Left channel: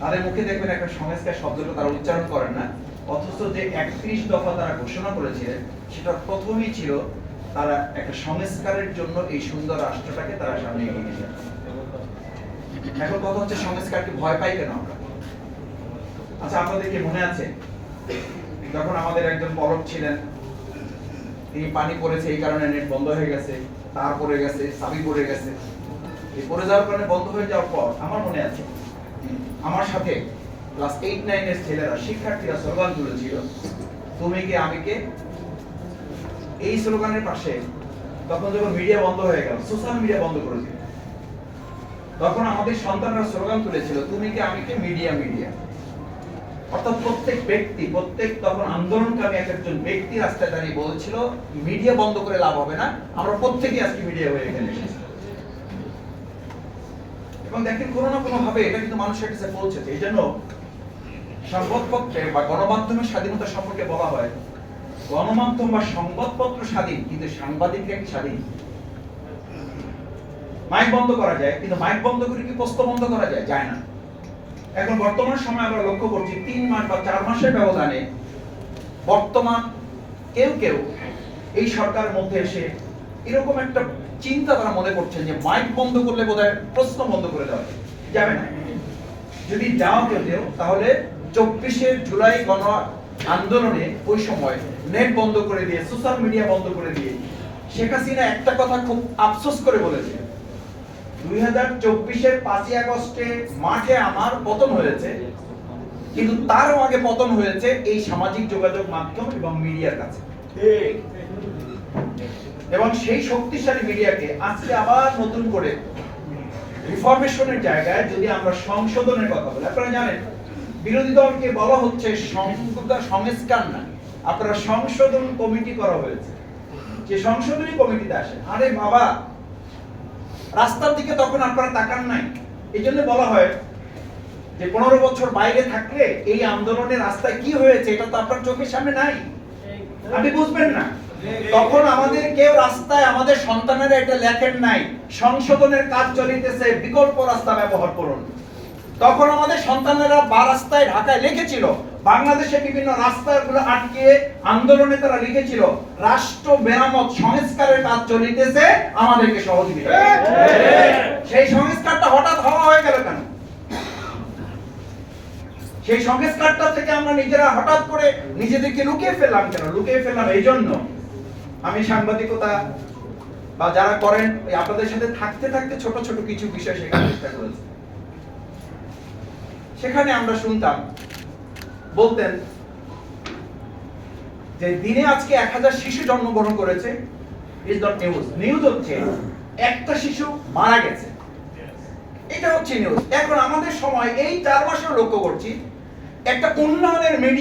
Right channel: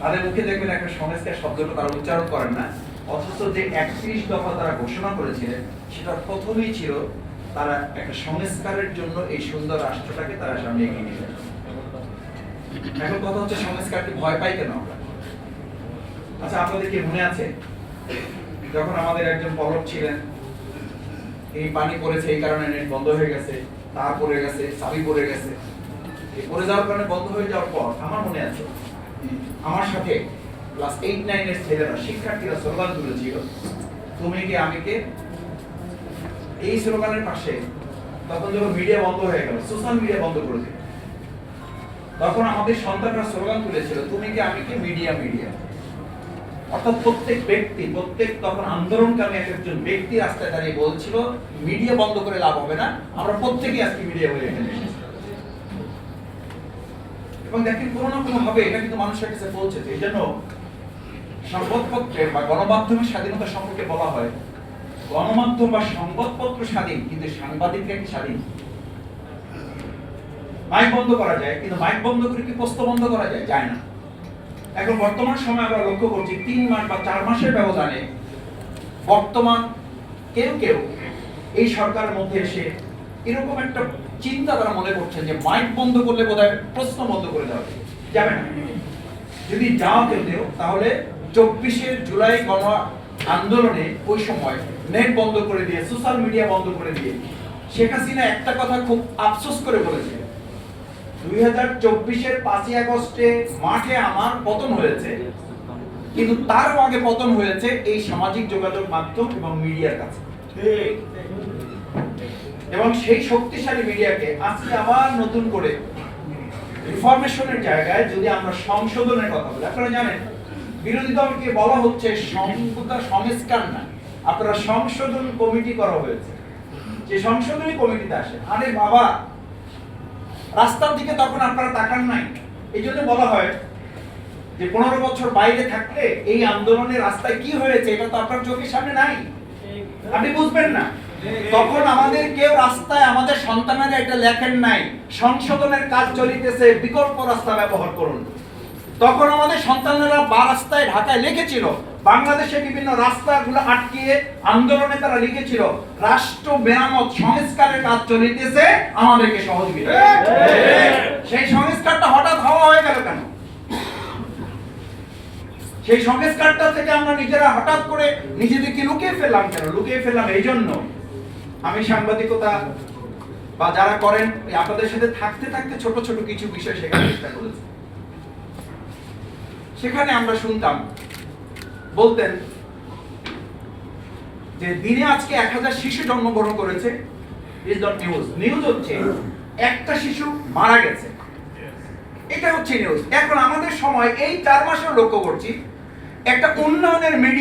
তাদের মুখে দেখবেন একটা সংস্কার শব্দটা তারা উচ্চারণ করেন না, অথচ যে 31 দফা তারা ঘোষণা করেছিলেন সেটা প্রথমেই ছিল তারা একটা সংস্কারের জন্য এই সুন্দর রাষ্ট্রটাকে তারা সামনে এগিয়ে নিয়ে যাবে। এখন কথা হচ্ছে সংস্কারকে ভয় পাই কেন আমরা? আচ্ছা, আপনাদের কি মনে আছে যখন আমাদের একজন পলক ছিলেন, এই পানি পড়েছে এই কারণে নেট বন্ধ হয়ে গেছে, তার পড়ে গেছে, চাবি পড়ে গেছে, এই পড়ে যাওয়ার কারণে বন্ধ হয়ে যাওয়ার পর আমার মনে আছে আমার সাথে ক্লাস 8-9 এর ছেলেরা শিক্ষার্থীরা স্লোগান তুলেছিল, তুমি কে আমি কে। এই স্লোগানের পাশে তখন যখন মিডিয়া বন্ধ হয়ে গেল, সোশ্যাল মিডিয়া বন্ধ করে দিল, তখন আমাদের সন্তানরা স্লোগান তুলেছিল, তুমি কে আমি কে, মিডিয়া মিডিয়া। অর্থাৎ প্রত্যেক ব্যক্তি, প্রত্যেক তখন আন্দোলনকারী একজন ব্যক্তি রাস্তায় দাঁড়িয়ে বলছিল মিডিয়া বন্ধ করে লাভ হবে না, আমরা প্রত্যেকেই আজকে মিডিয়া হয়ে গেছে। এবং দেখেন কোনো না কোনো ভাবে এটা কিন্তু মানুষের কাছে পৌঁছেছে। এই জন্য সংবাদপত্রের বা গণমাধ্যমের স্বাধীনতা সম্পর্কে বলা হয়, গণমাধ্যম বা সংবাদপত্র স্বাধীন, কিন্তু সাংবাদিক স্বাধীন। মাইক বন্ধ করা যায়, কিন্তু মাইক বন্ধ করে কি প্রশ্ন বন্ধ করা যায়? যায় না। এখন বর্তমান সময় আমরা লক্ষ্য করছি 3 মাস বা 4 মাসের ব্যবধানে বর্তমান কেউ এই সরকারের মধ্যে এসে এরকম একটা চিন্তা তারা মনে করছেন যে মাইক বন্ধ করলে বোধহয় প্রশ্ন বন্ধ করে দেওয়া যাবে না। যদি যাওয়া কেউ তাহলে 24শে জুলাই গণ আন্দোলনে ওই সময় নেট বন্ধ করে দিয়ে, সোশ্যাল মিডিয়া বন্ধ করে দিয়ে শেখ হাসিনা একটা কথা খুব আফসোস করে বলেছে, 2024-এর 5ই আগস্টে মাঠে আমার পতন হয়েছে, কিন্তু তারও আগে পতন হয়েছে এই সামাজিক যোগাযোগ মাধ্যম এবং মিডিয়ার কাছে। এবং সেই শক্তিশালী মিডিয়াকে আজকে আবার নতুন করে রিফরমেশনের জায়গায় যদি আমরা সংশোধনের কথা বলি, আপনারা জানেন বিরোধী দলকে বলা হচ্ছে সংস্কার না, আপনারা সংশোধন কমিটি করা হয়েছে। যে সংশোধনী কমিটিতে আসে, আরে বাবা রাস্তার দিকে তখন আপনারা তাকান নাই। এই জন্য বলা হয় যে 15 বছর বাইরে থাকলে এই আন্দোলনের রাস্তায় কি হয়েছে এটা তো আপনার চোখের সামনে নাই, আপনি বুঝবেন না। তখন আমাদের কেউ রাস্তায় আমাদের সন্তানেরা এটা লেখেন নাই, সংশোধনের কাজ চলিতেছে, বিকল্প রাস্তা ব্যবহার করুন। তখন আমাদের সন্তানেরা বা রাস্তায় ঢাকায় লিখেছিল, বাংলাদেশে বিভিন্ন রাস্তাগুলো আটকিয়ে আন্দোলনে তারা লিখেছিল, রাষ্ট্র মেরামত সংস্কারের কাজ চলিতেছে, আমাদেরকে সহযোগিতা। সেই সংস্কারটা হঠাৎ হওয়া হয়ে গেল কেন? সেই সংস্কারটা থেকে আমরা নিজেরা হঠাৎ করে নিজেদেরকে লুকিয়ে ফেললাম কেন? লুকিয়ে ফেললাম এই জন্য, আমি সাংবাদিকতা বা যারা করেন আপনাদের সাথে থাকতে থাকতে ছোট ছোট কিছু বিষয় শেখার চেষ্টা করেছি। সেখানে আমরা শুনতাম, বলতেন যে দিনে আজকে 1000 শিশু জন্মগ্রহণ করেছে, ইজ নট নিউজ। নিউজ হচ্ছে একটা শিশু মারা গেছে, এটা হচ্ছে নিউজ। এখন আমাদের সময় এই 4 মাসেও লক্ষ্য করছি একটা উন্নয়নের মিডিয়া